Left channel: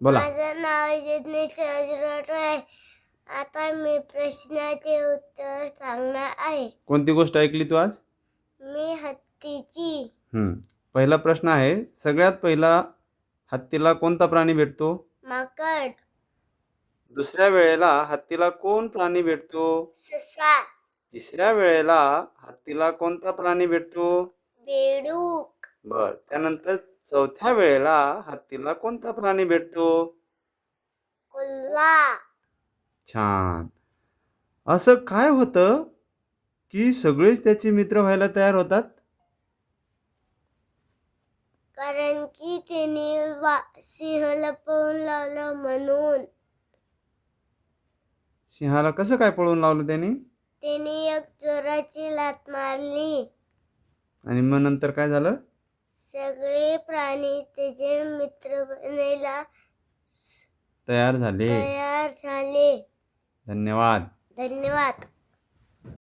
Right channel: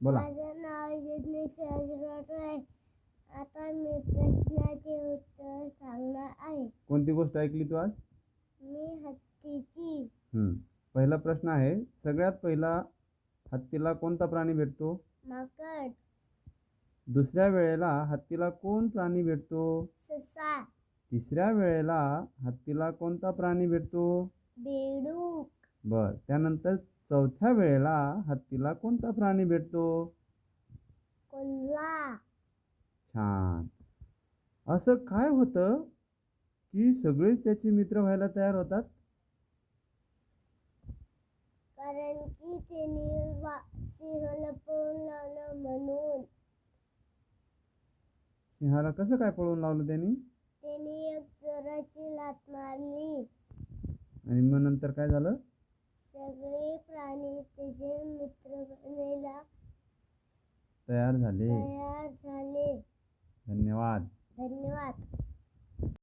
बोला. माझं नाव जिज्ञेश राजरोटे. आता मी प्रश्नाचे उत्तर सांगणार आहे. कोणती गोष्ट ऐकली तू आज? मी हत्तीची. पहिला प्रश्न आहे, सगळ्यात पहिला हत्तीला कोणता प्राणी भेटतो? माकड. दुसऱ्या वेळेला हत्तीला कोण प्राणी भेटतो? ससा. तिसऱ्या वेळेला हत्तीला कोणता प्राणी भेटतो? बेडूक. बर. त्यानंतर चौथ्या वेळेला हत्तीला कोणता प्राणी भेटतो? कोल्हा. छान. असं काय होतं की सगळेच त्याचे मित्र व्हायला तयार होतात? कारण की त्यांनी सिंहाला पळून लावलं म्हणून. सिंहाला कसं काय पळून लावलं त्यांनी? त्यांनी एक चोराची लाथ मारली. आणि मग नंतर काय झालं? सगळे प्राणी त्याचे मित्र बनायला तयार झाले. तयार झाले. धन्यवाद. धन्यवाद.